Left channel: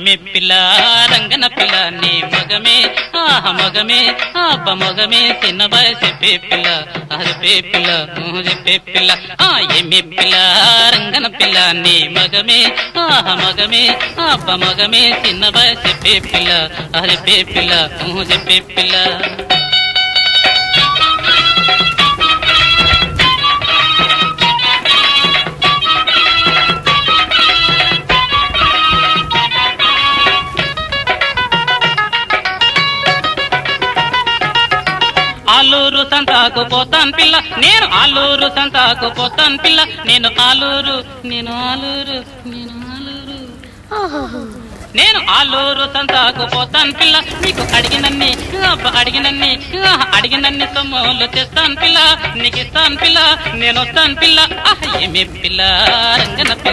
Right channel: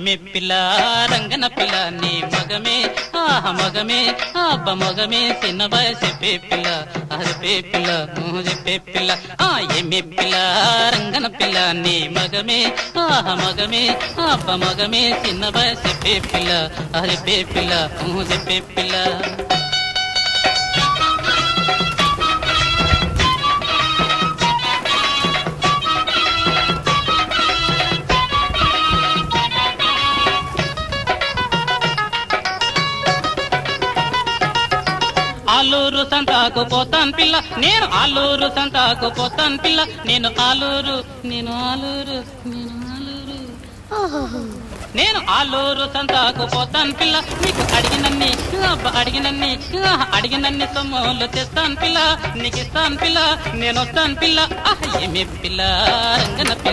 ఎమ్మె పిల్ల రంగన పిల్ల నీ మగమే ఆహ మగమే అబ్బ మగమే చిన్న వయసు పే పిల్ల అది పిల్ల ఊహు చెప్పే పిల్ల ఆ ఎమ్మె పిల్ల రంగన పిల్ల నీ మగమే ఆహ మగమే అబ్బ మగమే చిన్న వయసు పే పిల్ల అది పిల్ల ఊహు చెప్పే పిల్ల. ఆలూరు సంతాకు పోతాను పిల్ల. నేను ఆలూరు సంతాకు పోతాను పిల్ల. నేను ఆలూరు నేను ఆలూరు నేను ఆలూరు. నేను ఆలూరు సంతాకు పోతాను పిల్ల. నీకు అడిగినన్ని అడిగినన్ని అడిగినన్ని సొమ్ములు తెస్తాను పిల్ల. నీకు ఇస్తాను పిల్ల నేను వస్తాను పిల్ల ఏమి పిల్ల రంగన పిల్ల.